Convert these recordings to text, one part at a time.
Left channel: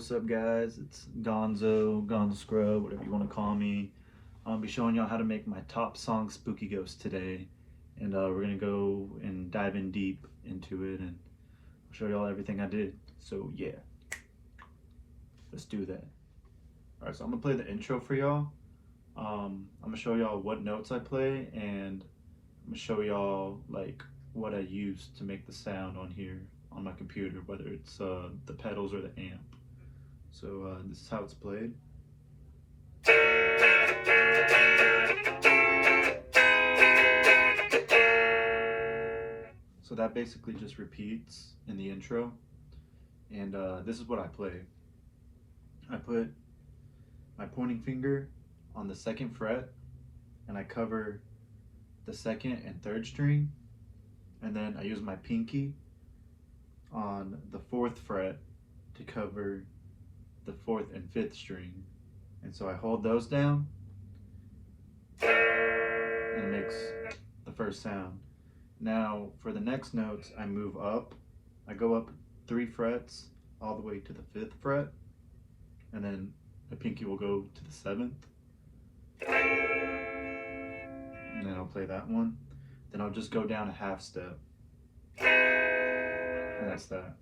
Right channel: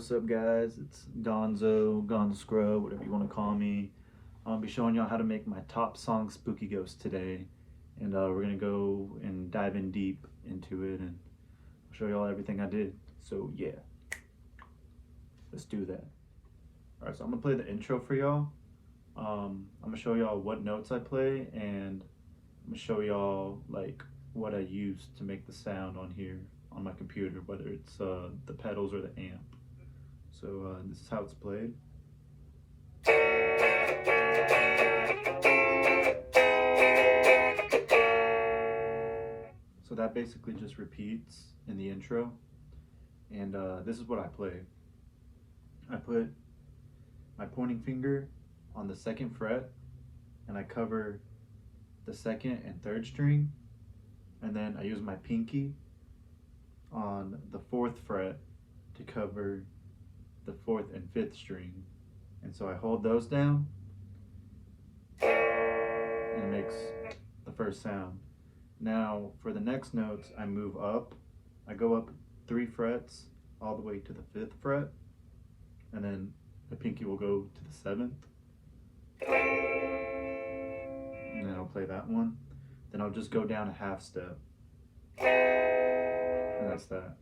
what's up guys? It's GonzoScrub, whatever you want to call me. I'll be showing y'all how to make my top song Spooky Ghost today. And we're gonna go and dive in deep into it and I'll show y'all everything I did. So yeah, let's do that. Alright, so I'm gonna play the intro for y'all. I'm gonna show y'all what notes I play, and I'm gonna show y'all like what I use to make the sound on here on my computer, whether it's the pedals or the amp. So this is how it's played. So that basically just repeats in the intro, and this is what I play. I put my pointing finger on the 2nd fret and I cover the 2nd and 3rd string, and then I use my pinky on the 4th fret to cover the 4th and 5th string, and so I hold those down and it makes the first sound. Now for the next notes, I move up. I go up 3 frets all the way to the 5th fret, and then the pinky will go to the 7th, and then I'll play that one. Then I'll just go down a half step, and that's that.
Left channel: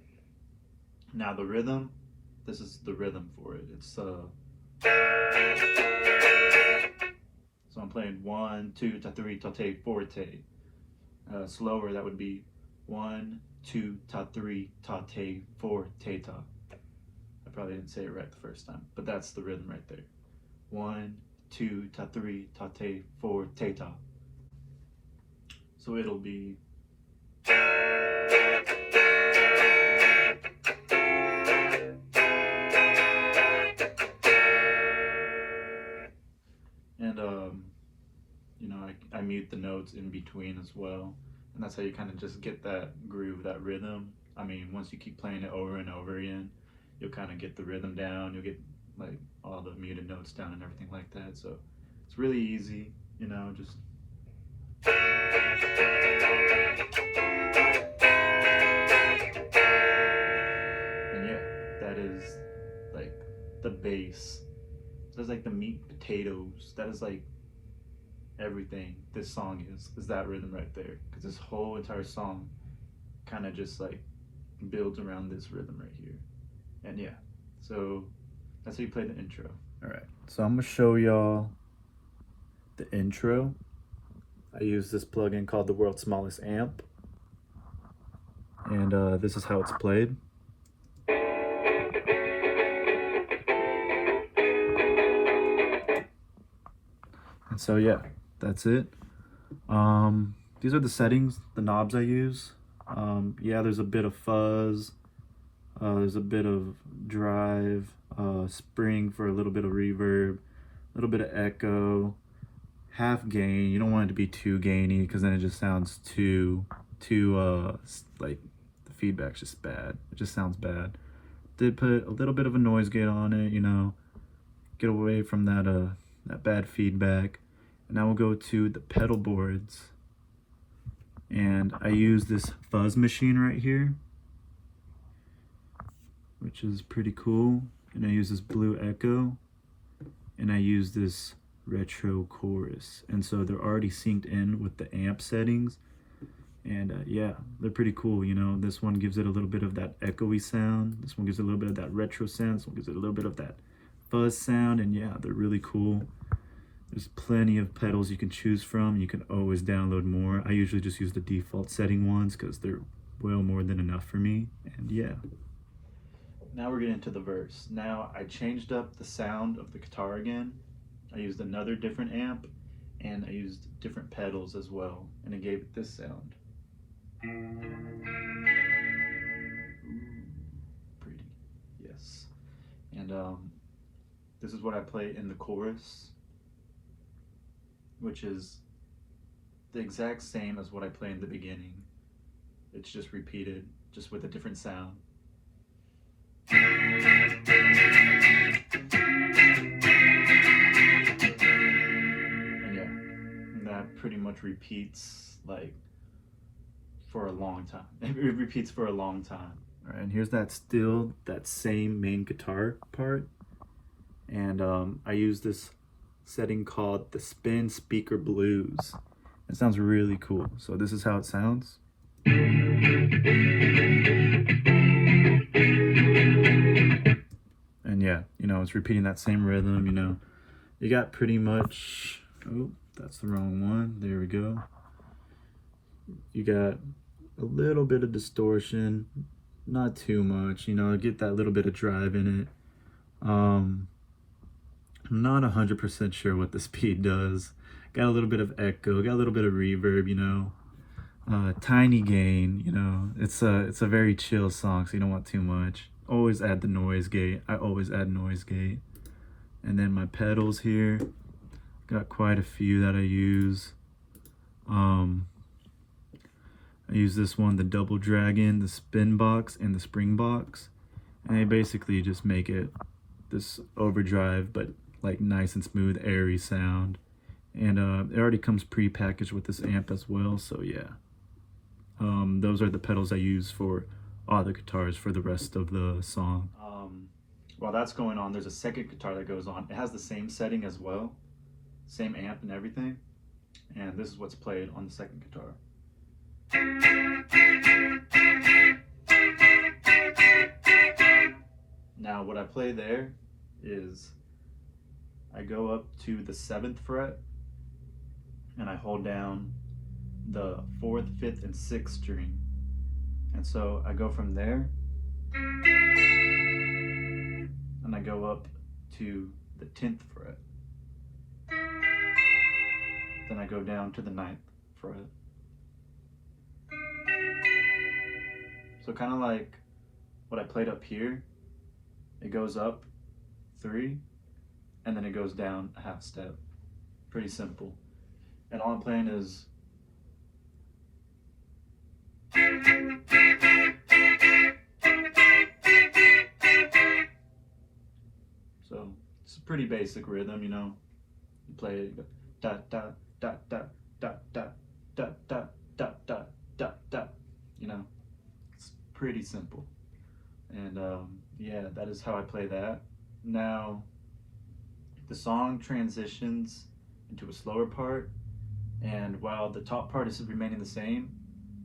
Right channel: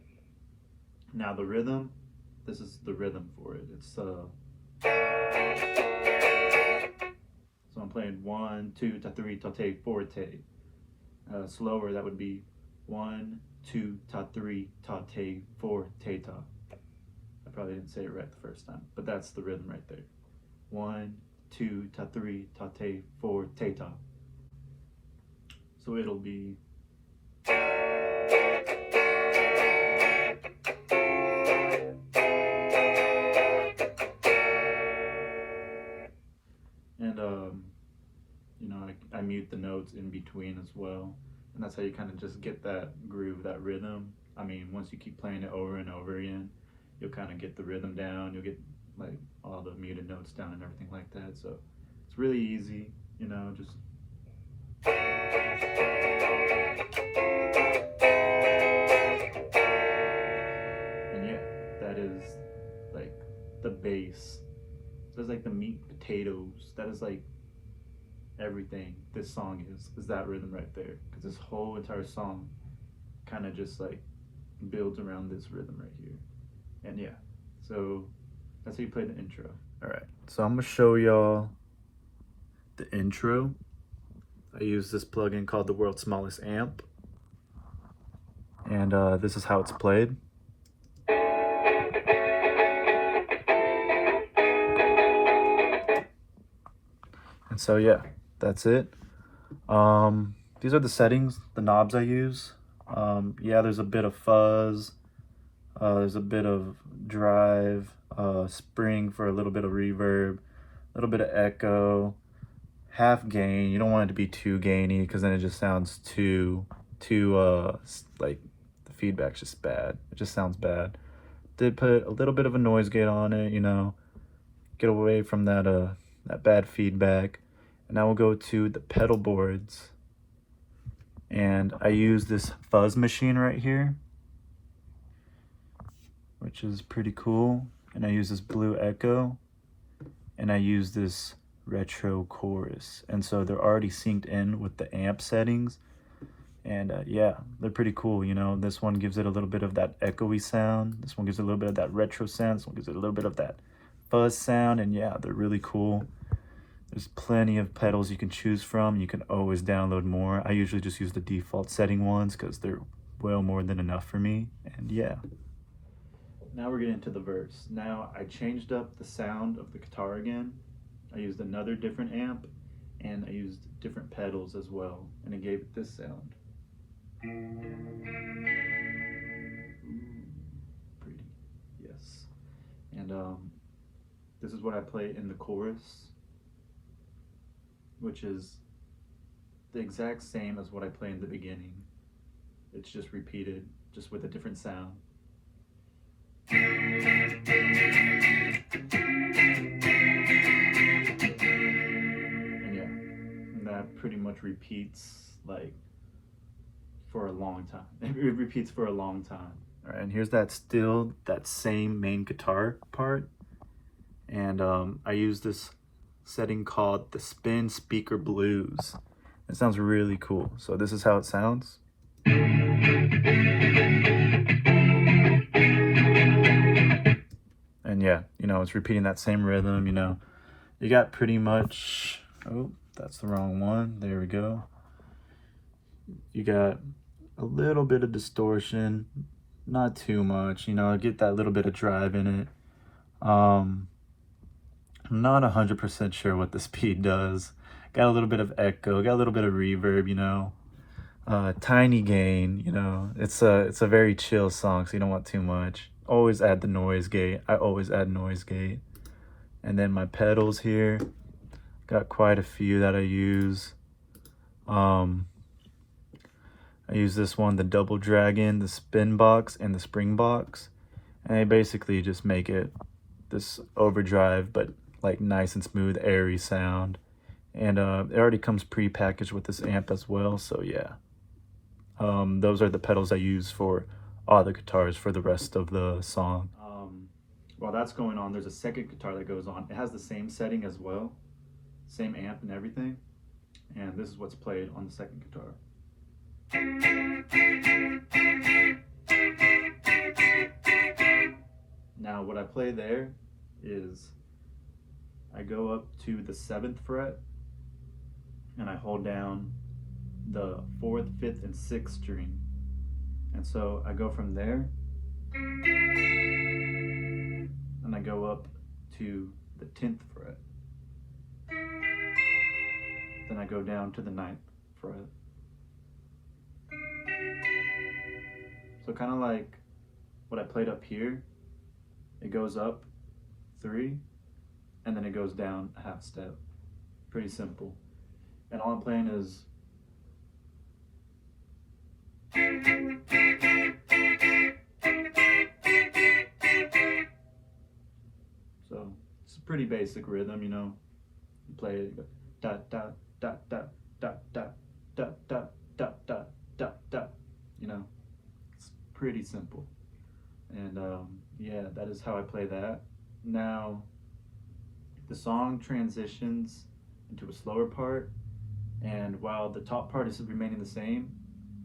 Now the rhythm, this is the rhythm for it. It's so I'm playing 1, 2, ta 3, ta te, forte. Slower, that would be 1, 2, ta 3, ta te, forte ta. I probably didn't say it right the first time, but that's the rhythm right there. 1, 2, ta 3, ta te, forte ta. So it'll be and you know, I mute the notes in between as well, and that's how you kind of just get that groove, that rhythm. I mean, once you keep playing it over and over again, you'll kind of get the rhythm down, you'll get like all the muted notes down and everything like that. So it's really easy, you know, just and yeah, that is like the bass. That's like the meat and potatoes. That is like everything this song is that rhythm right there, because this whole entire song kind of just like builds around this rhythm right here. And yeah, so that's how you play the intro. All right, so I'm gonna show y'all the intro. I use this plugin called the World's Smallest Amp, and this is how it's played. And so yeah, that's it. These are the settings, the knobs I use. Yeah, there's a bit of fuzz, there's a bit of drive, spring for a little bit of reverb, a little bit of echo, half gain. You don't want it to be too gainy, because then it just sounds too like the feedback's just bad. It just sounds bad. Did put a little bit of a noise gate on it, you know, get away from that that bad feedback. And now we'll go to the pedal boards, and I use this fuzz machine right here, which is pretty cool. And I use this blue echo, and I use this retro chorus, and so they're already synced in with the amp settings. And yeah, they're pretty cool, you know. This one gives it a little bit of that echoey sound, this one gives it a little bit of that retro sound, this one gives it a little bit of that fuzz sound, and yeah, they're really cool. There's plenty of pedals you can choose from. You can always download more. I usually just use the default setting ones because they're well more than enough for me. And yeah. Now we're getting into the verse. Now I changed up the sound of the guitar again. I used another different amp, and I used different pedals as well, and it gave it this sound. Ooh, pretty, yes. And this is what I play in the chorus, which is the exact same as what I play in the beginning. It's just repeated, just with a different sound. And yeah, that pretty much repeats like for a long time. It repeats for a long time. All right, and here's that same main guitar part. And I use this setting called the Spin Speaker Blues. It sounds really cool. So this is how it sounds. And yeah, you know, it's repeating that same rhythm, you know. You got pretty much, oh, that's the wrong one. There we go. You got a little bit of distortion, not too much, you know, get that little bit of drive in it. I'm not 100% sure what the speed does. Got a little bit of echo, got a little bit of reverb, you know. Tiny gain, you know. It's a very chill song, so you don't want too much. Always add the noise gate. I always add noise gate. And then my pedals here, got quite a few that I use. I use this one, the Double Dragon, the Spin Box, and the Spring Box. And they basically just make it this overdrive, but like nice and smooth, airy sound. And it already comes pre-packaged with this amp as well, so yeah. Those are the pedals I use for all the guitars for the rest of the song. While that's going on, there's a second guitar that goes on. It has the same setting as well, same amp and everything. And this is what's played on the second guitar. Now what I play there is I go up to the 7th fret and I hold down the 4th, 5th, and 6th string. And so I go from there and I go up to the 10th fret. Then I go down to the 9th fret. So kind of like what I played up here, it goes up 3 and then it goes down a half step. Pretty simple. And all I'm playing is so it's a pretty basic rhythm, you know. You play it, you go da da da da da da da da da da da da. You know, it's pretty simple. And yeah, that is how I play that. Now, the song transitions into a slower part, and while the top part is remaining the same,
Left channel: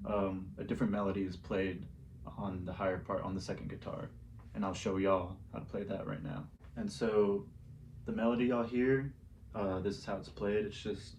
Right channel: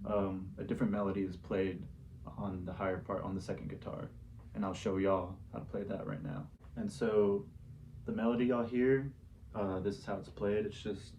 a different melody is played on the higher part on the second guitar, and I'll show y'all how to play that right now. And so the melody y'all hear, this is how it's played. It's just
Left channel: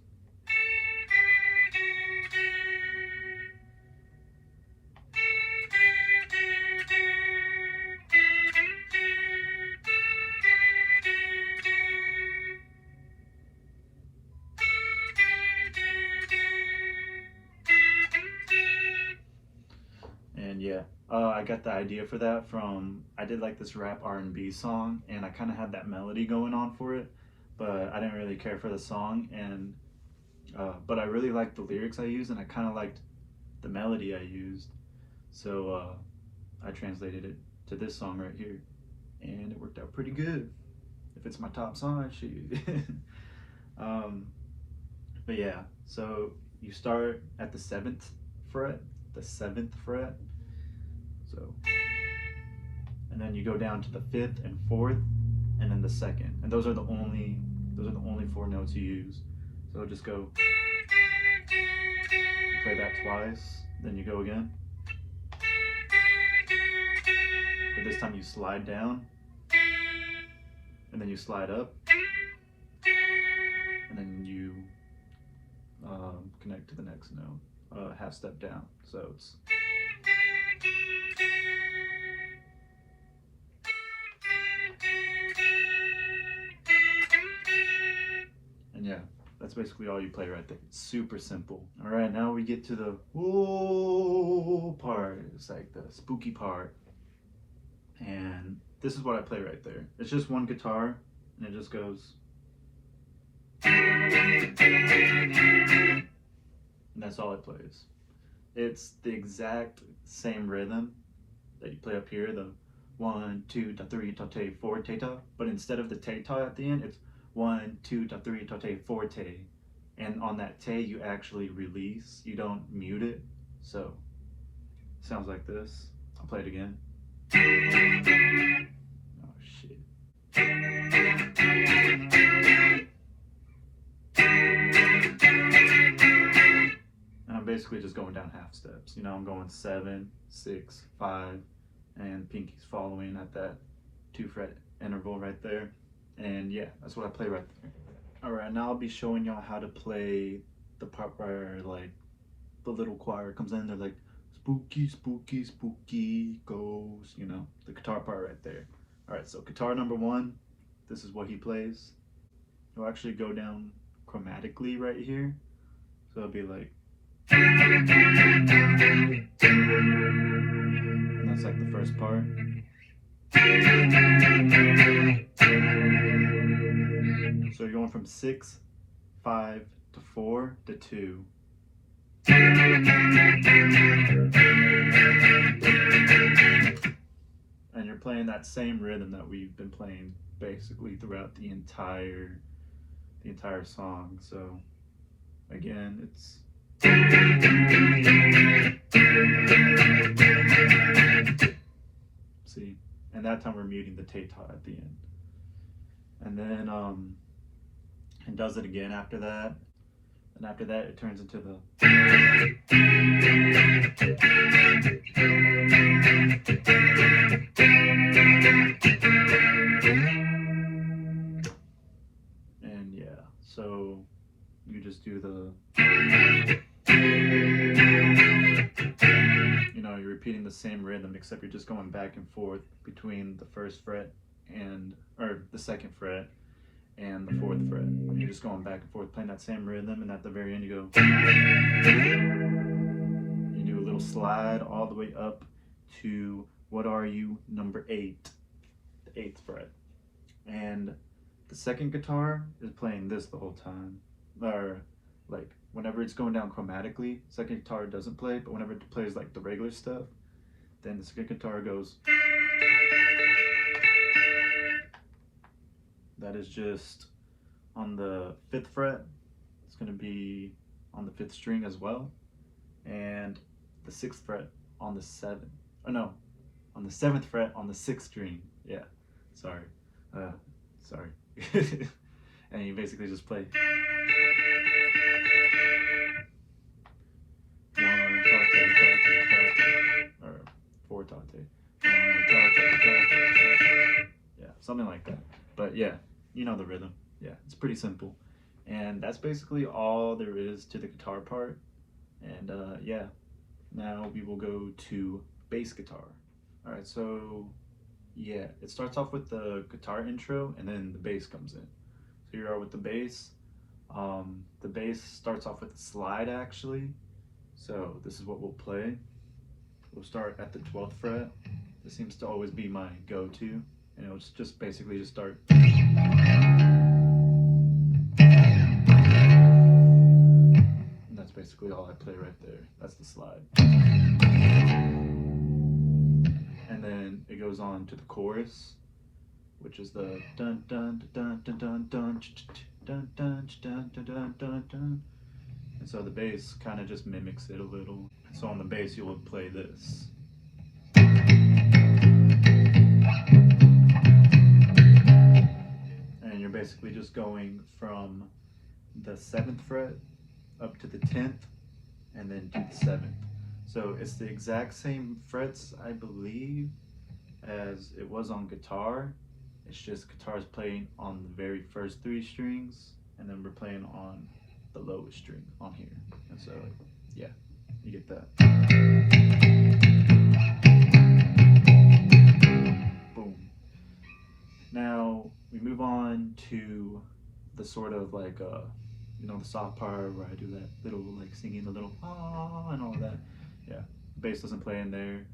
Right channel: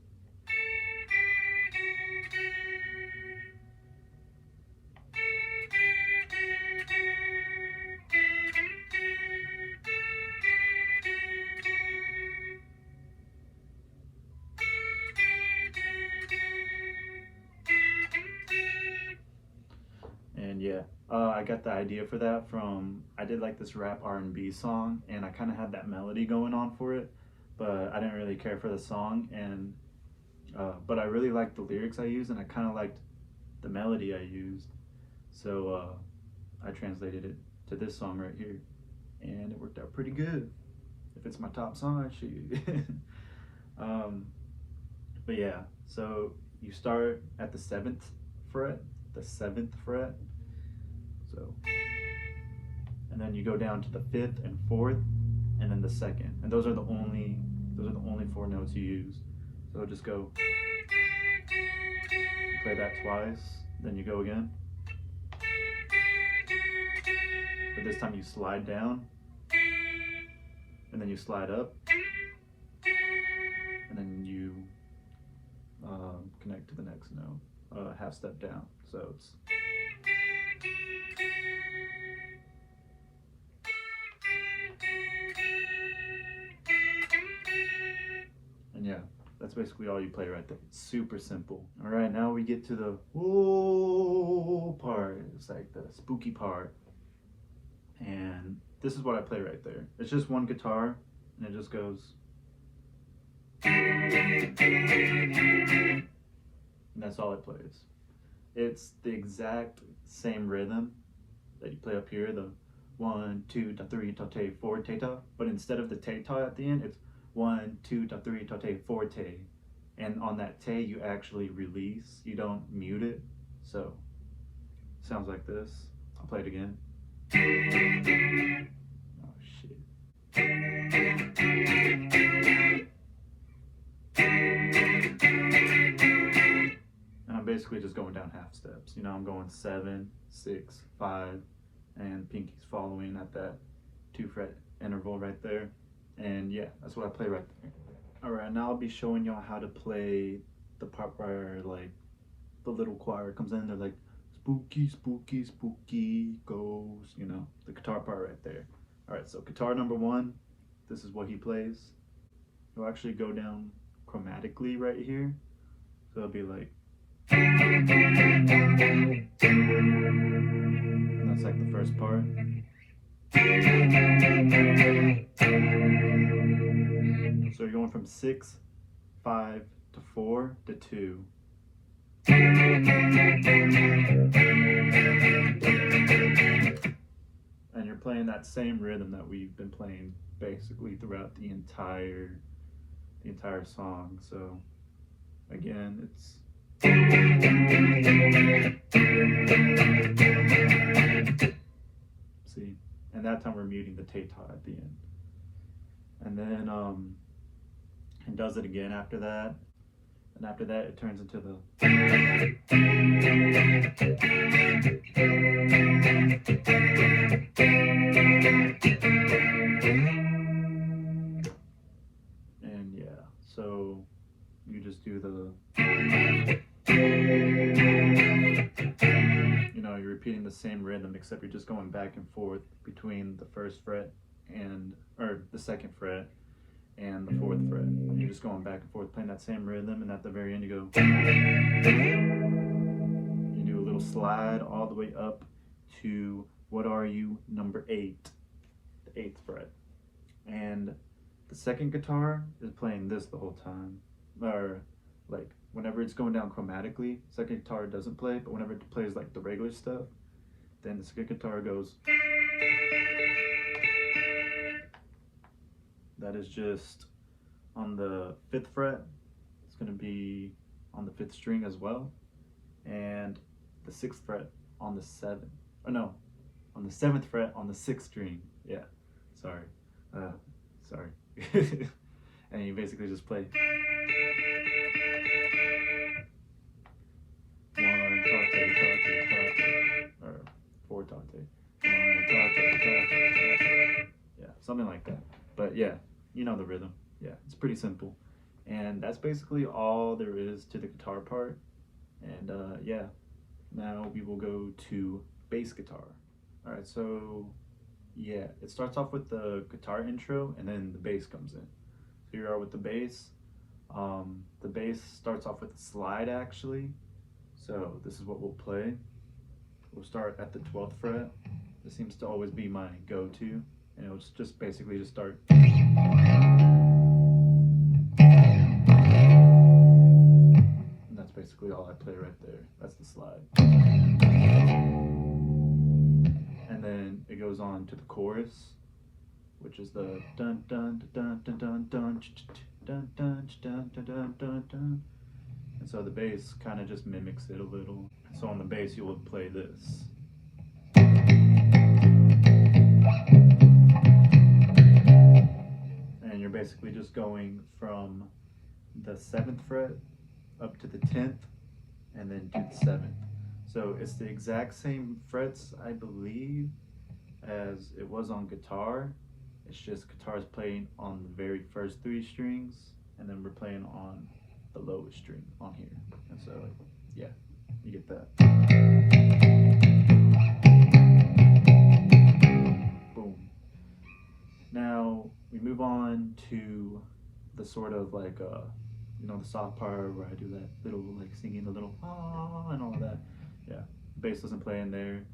and yeah, I got the idea for that from, I did like this rap R&B song, and I kind of had that melody going on for it, but I didn't really care for the song, and but I really liked the lyrics I used, and I kind of liked the melody I used, so I translated it to this song right here, and it worked out pretty good. If it's my top song, shoot. But yeah, so you start at the 7th fret, so, and then you go down to the 5th and 4th, and then the 2nd, and those are the only 4 notes you use. So just go, you play that twice, then you go again, but this time you slide down, and then you slide up, and then you connect to the next note, half step down. So it's and yeah, that's basically all you play right there. It's super simple. All right, now we get to the whoa part. It's like the spooky part. And this is what I play right there. It's just one guitar, and it just goes. And that's all it plays. It's the exact same rhythm that you play up here, the 1, 2, 3, 4, ta, but instead of the ta at the end, it's 1, 2, 3, 4, ta. And on that ta, you actually release, you don't mute it. So, it sounds like this. I'll play it again. Oh shit. And I'm basically just going down half steps. You know, I'm going 7, 6, 5, and pinky's following at that 2-fret interval right there. And yeah, that's what I play right there. Alright, now I'll be showing y'all how to play the part where like the little choir comes in, they're like spooky, spooky, spooky ghost, you know, the guitar part right there. Alright, so guitar number 1, this is what he plays. He'll actually go down chromatically right here. So it'll be like, and that's like the first part. So you're going from 6, 5 to 4 to 2. And you're playing that same rhythm that we've been playing basically throughout the entire song. So again, it's see, and that time we're muting the teta at the end. And then and does it again after that. And after that it turns into the and yeah, so you just do the, you know, you're repeating the same rhythm except you're just going back and forth between the 1st fret and, or the 2nd fret and the 4th fret. You're just going back and forth playing that same rhythm, and at the very end you go, you do a little slide all the way up to what are you, number 8, the 8th fret. And the 2nd guitar is playing this the whole time, or like whenever it's going down chromatically, 2nd guitar doesn't play, but whenever it plays like the regular stuff, then the 2nd guitar goes. That is just on the 5th fret. It's going to be on the 5th string as well, and the 6th fret on the 7th. Oh no, on the 7th fret on the 6th string. Yeah, sorry. And you basically just play 1 tate, or 4 tate, 1 tate, yeah, something like that. But yeah, you know the rhythm. Yeah, it's pretty simple. And that's basically all there is to the guitar part. And yeah, now we will go to bass guitar. Alright, so yeah, it starts off with the guitar intro and then the bass comes in. So here we are with the bass. The bass starts off with a slide actually. So this is what we'll play. We'll start at the 12th fret. This seems to always be my go-to. And it'll just basically just start. And that's basically all I play right there. That's the slide. And then it goes on to the chorus, which is the dun dun dun dun dun dun dun dun dun dun dun dun dun. And so the bass kind of just mimics it a little. So on the bass you will play this. And you're basically just going from the 7th fret up to the 10th and then to the 7th. So it's the exact same frets, I believe, as it was on guitar. It's just guitar's playing on the very first 3 strings, and then we're playing on the lowest string on here. And so, yeah, you get that. Boom. Now, we move on to the sort of like, you know, the soft part where I do that little, like, singing the little ah and all of that. Yeah, bass doesn't play in there.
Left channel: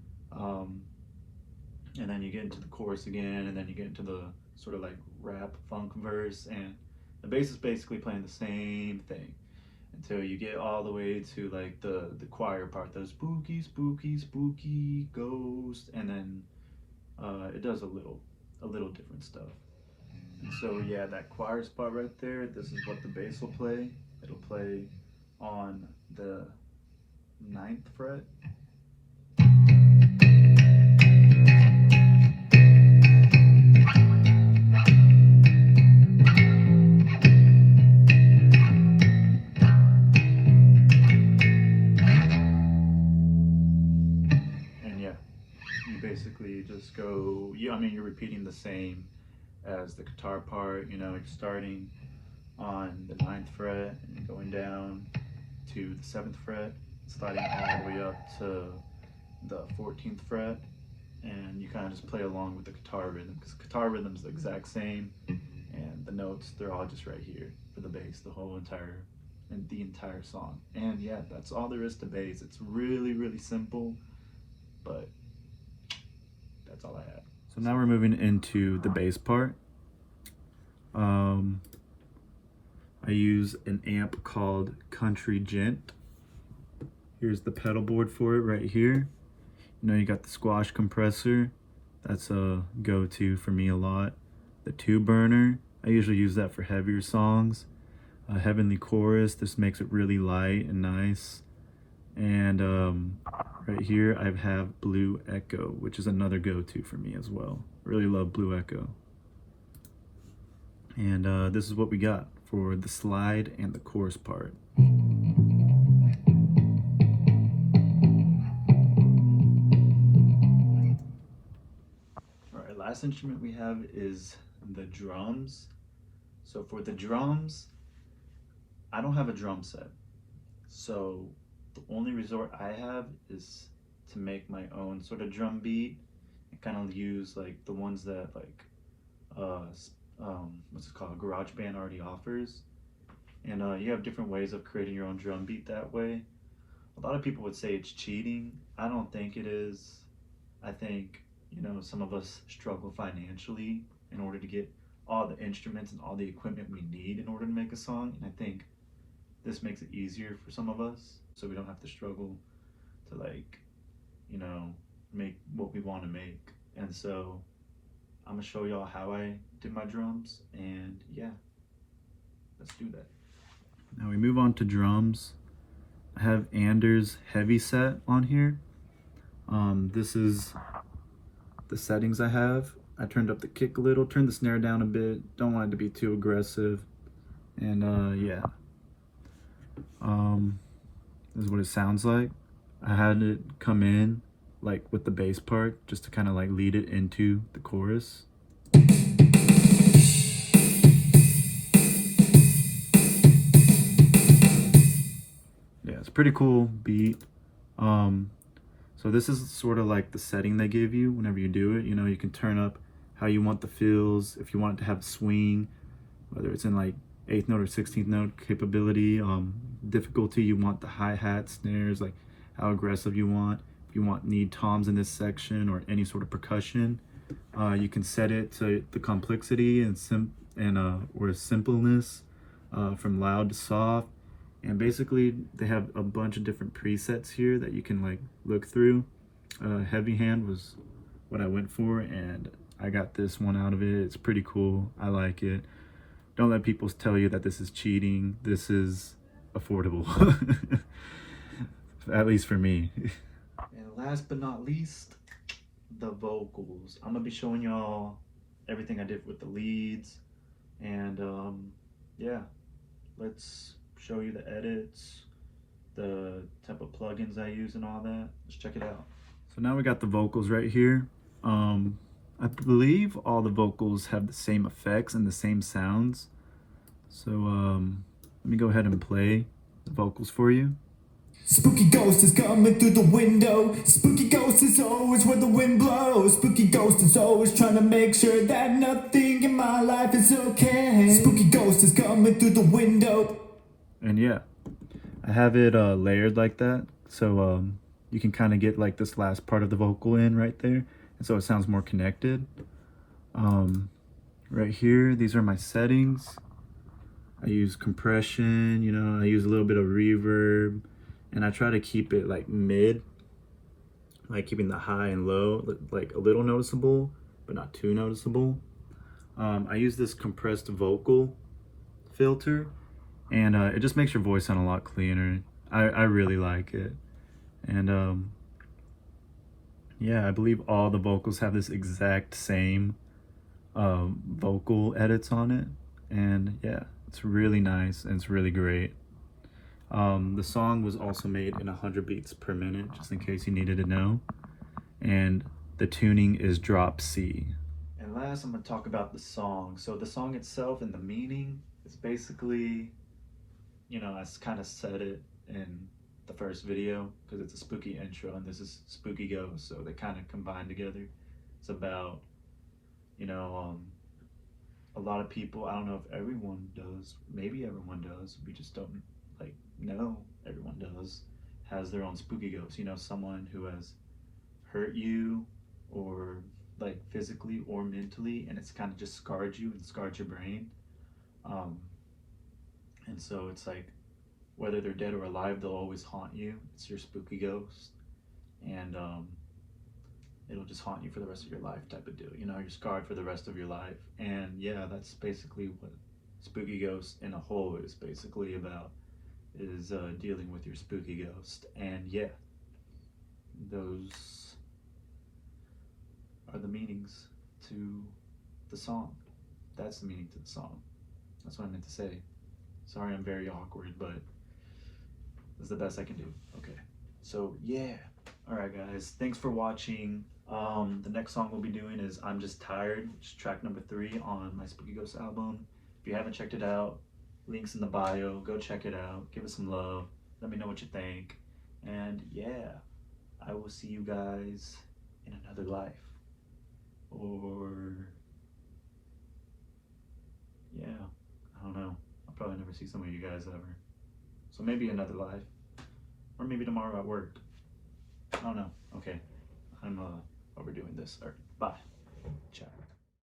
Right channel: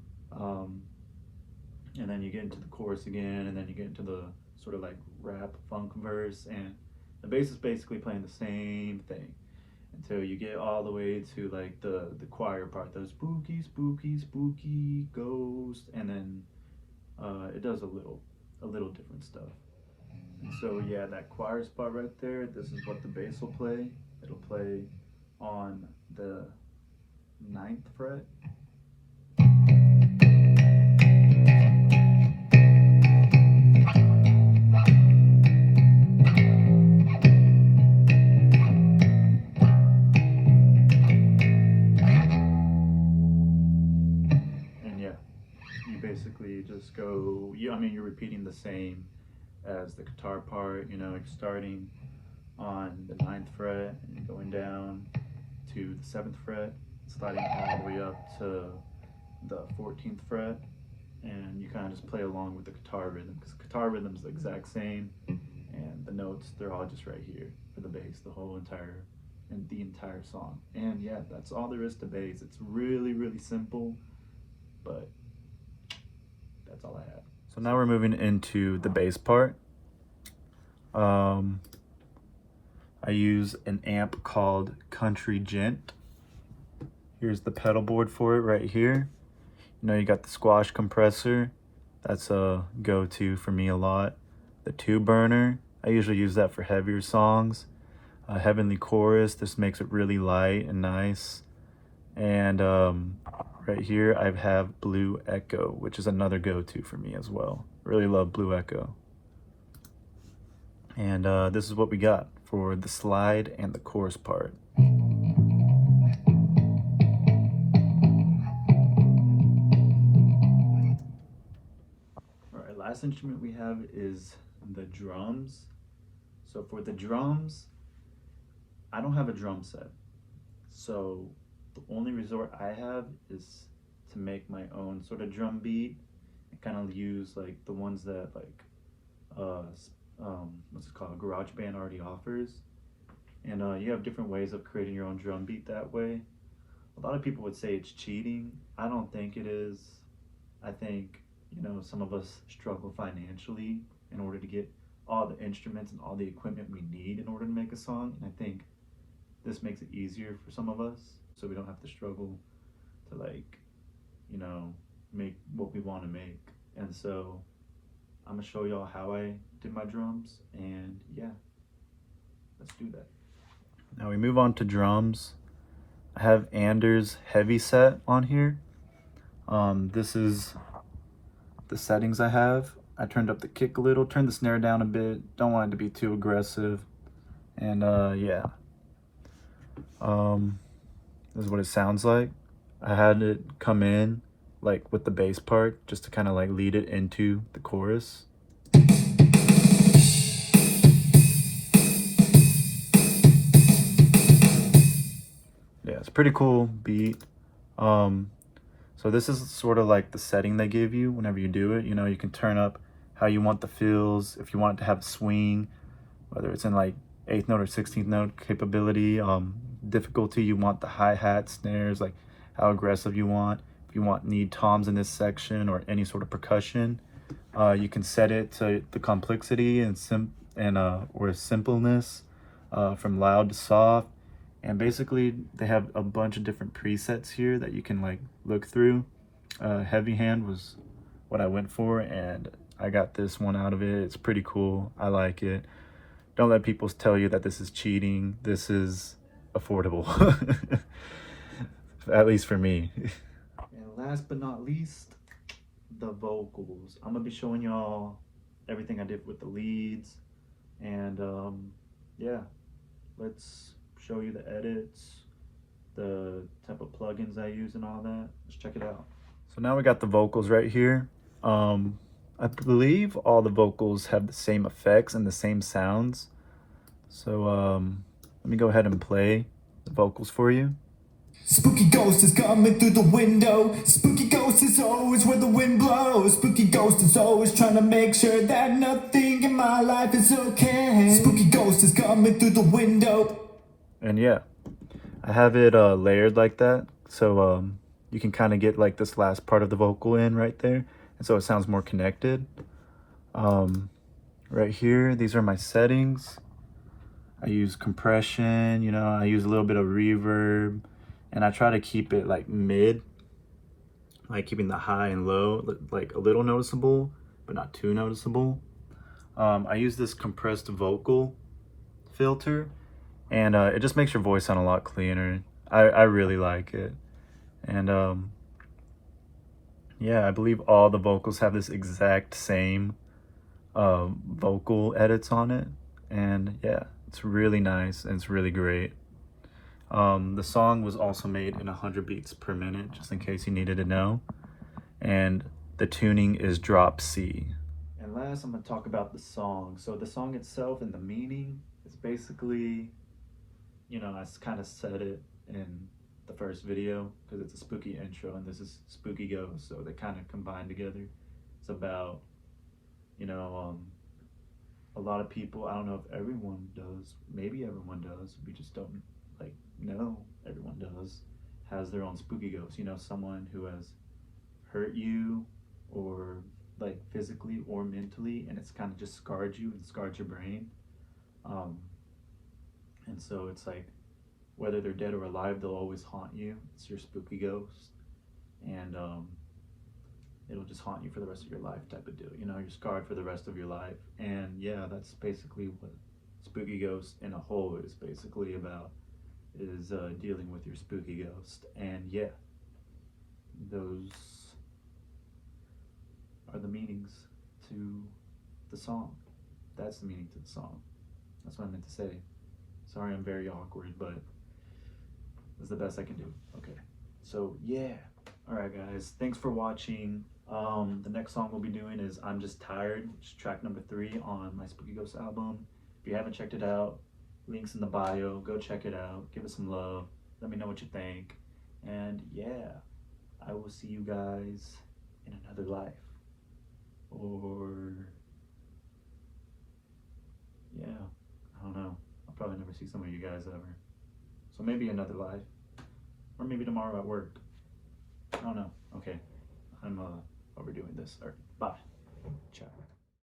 And then you get into the chorus again, and then you get into the sort of like rap funk verse, and the bass is basically playing the same thing until you get all the way to like the choir part, the spooky, spooky, spooky ghost, and then it does a little different stuff. And so yeah, that choir spot right there, this is what the bass will play. It'll play on the 9th fret. basically just go, I mean, you're repeating the same as the guitar part, you know, you're starting on the 9th fret and you're going down to the 7th fret, sliding all the way up to the 14th fret, and you kind of just play along with the guitar rhythm, because guitar rhythm's the exact same, and the notes, they're all just right here for the bass, the entire song. And yeah, that's all there is to bass. It's really, really simple, but that's all I had. So now we're moving into the bass part. I use an amp called Country Gent. Here's the pedal board for it right here. You know, you got the squash compressor. That's a go-to for me a lot. The 2-burner, I usually use that for heavier songs. Heavenly Chorus, this makes it really light and nice. And right here I have Blue Echo, which is another go-to for me as well. Really love Blue Echo. And this is what we got for the slide and the chorus part. Alright, last instrument we have is the drums. So for the drums, I don't have a drum set. So the only resort I have is to make my own sort of drum beat and kind of use like the ones that like what's it called, GarageBand already offers. And you have different ways of creating your own drum beat that way. A lot of people would say it's cheating. I don't think it is. I think, you know, some of us struggle financially in order to get all the instruments and all the equipment we need in order to make a song. And I think this makes it easier for some of us, so we don't have to struggle to, like, you know, make what we want to make. And so I'm gonna show y'all how I did my drums, and yeah, let's do that. Now we move on to drums. I have Anders Heavy Set on here. This is the settings I have. I turned up the kick a little, turned the snare down a bit, don't want it to be too aggressive, and yeah. This is what it sounds like. I had it come in like with the bass part just to kind of like lead it into the chorus. Yeah, it's a pretty cool beat. So this is sort of like the setting they give you whenever you do it. You know, you can turn up how you want the fills, if you want it to have a swing, whether it's in like 8th note or 16th note capability, difficulty, you want the hi-hat, snares, like how aggressive you want. If you need toms in this section or any sort of percussion, you can set it to the complexity and or simpleness, from loud to soft. And basically they have a bunch of different presets here that you can like look through. Heavy hand was what I went for, and I got this one out of it. It's pretty cool. I like it. Don't let people tell you that this is cheating. This is affordable, at least for me. And last but not least, the vocals. I'm gonna be showing y'all everything I did with the leads, and yeah, let's show you the edits, the type of plugins I use and all that. Let's check it out. So now we got the vocals right here. I believe all the vocals have the same effects and the same sounds. So let me go ahead and play the vocals for you. Spooky ghost is coming through the window. Spooky ghost is always where the wind blows. Spooky ghost is always trying to make sure that nothing in my life is okay. Spooky ghost is coming through the window. And yeah, I have it layered like that, so you can kind of get like this last part of the vocal in right there, and so it sounds more connected. Right here, these are my settings. I use compression, you know, I use a little bit of reverb, and I try to keep it like mid, like keeping the high and low like a little noticeable, but not too noticeable. I use this compressed vocal filter, and it just makes your voice sound a lot cleaner. I really like it. And yeah, I believe all the vocals have this exact same vocal edits on it, and yeah, it's really nice and it's really great. The song was also made in 100 beats per minute, just in case you needed to know. And the tuning is drop C. And last, I'm going to talk about the song. So the song itself and the meaning is basically, you know, I kind of said it in the first video because it's a spooky intro and this is spooky ghost, so they kind of combine together. It's about, you know, a lot of people, I don't know if everyone does, maybe everyone does, we just don't like know everyone does, has their own spooky ghost, you know, someone who has hurt you or like physically or mentally, and it's kind of just scarred you and scarred your brain. And so it's like, whether they're dead or alive, they'll always haunt you. It's your spooky ghost, and it'll just haunt you for the rest of your life type of deal. You know, you're scarred for the rest of your life. And yeah, that's basically what spooky ghost in a whole is basically about, is dealing with your spooky ghost. And yeah, those are the meanings to the song. That's the meaning to the song. That's what I meant to say. Sorry, I'm very awkward, but it's the best I can do. Okay, so yeah. All right, guys, thanks for watching. The next song we'll be doing is I'm Just Tired, which is track number 3 on my Spooky Ghost album. If you haven't checked it out, links in the bio. Go check it out. Give it some love. Let me know what you think. And yeah, I will see you guys in another life. Or yeah, I don't know. I'll probably never see some of you guys ever. So maybe another life. Or maybe tomorrow at work. I don't know. Okay. I'm overdoing this. All right. Bye. Ciao.